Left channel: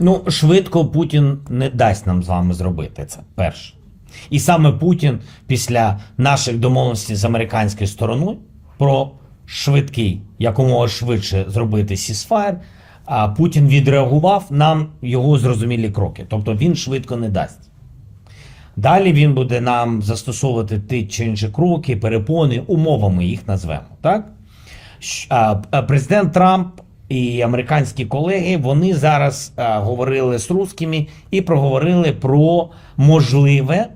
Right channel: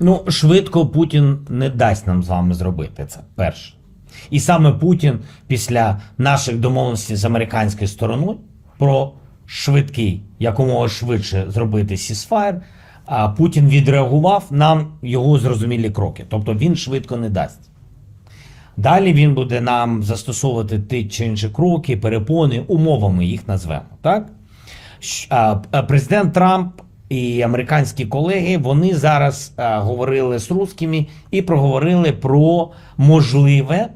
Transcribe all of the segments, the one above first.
Ну, швидко Путін не дасть нам з вами зробити це. Перше. І саме Путін після наших домовленостей з американською стороною про швидкий, якомога швидше зробити сісфайр, а Путін відреагував нам його зрозумілі кроки. Тобто він швидко не дасть. Далі він буде нам застосовувати ті чи інші кроки, перепони, умовами їх назвемо. Так? Президент Трамп і американські колеги вони зараз а, говорили з русскими і проговорили про можливе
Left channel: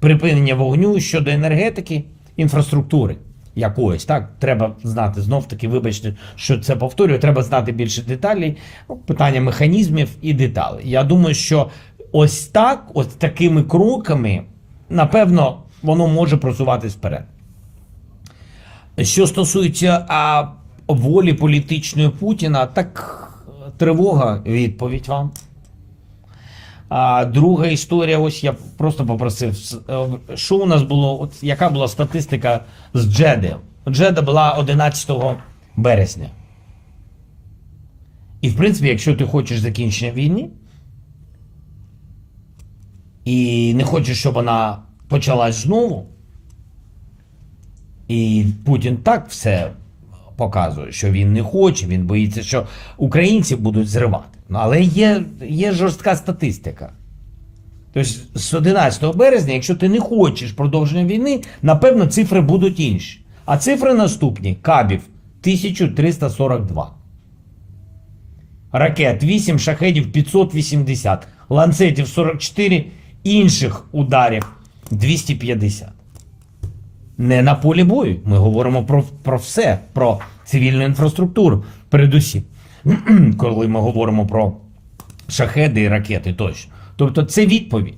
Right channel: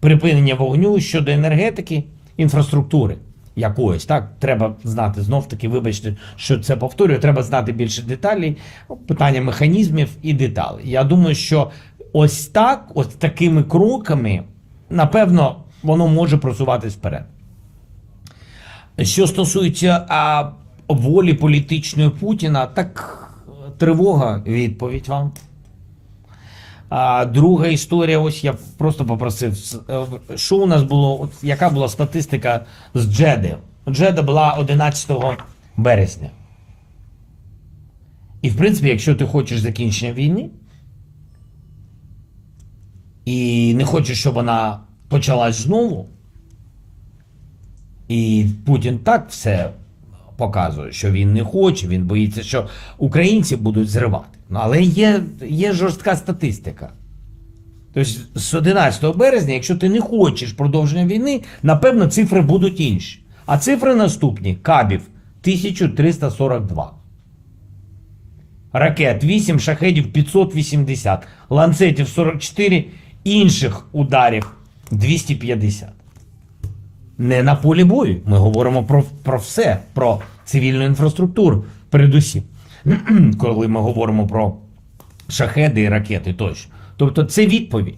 припинення вогню щодо енергетики, інфраструктури якоїсь. Так, треба знати знов таки, вибачте, що це повторюю. Треба знати більше деталей, питання механізмів і деталей. Я думаю, що ось так, ось такими кроками, напевно, воно може просуватись вперед. Що стосується а, волі політичної Путіна, так тривога відповідь вам. А друга історія, ось я просто попросив, е, що у нас було, от яка була статистика з Джеди? Джеда була 11 березня. І в принципі, якщо ти хочеш закінчення війни, і не хочеш, щоб вона почалась знову, і Путін так все показує, що він не хоче, він боїться, що українців будуть зривати. Ну, але є, є жорстка статистика. Тобто з 11 березня, якщо ти не хочеш продовження війни, напевно, цифри будуть інші. А цифри наступні: Кабів 1342. Ракет 8, шахедів 580, ланцетів 44, інших ударів 250 не на полі бою. Ми говоримо про, про все, про цивільну інфраструктуру, передусім, коли ми говоримо про шахеди і ракети тощо. Тобто це відповідь.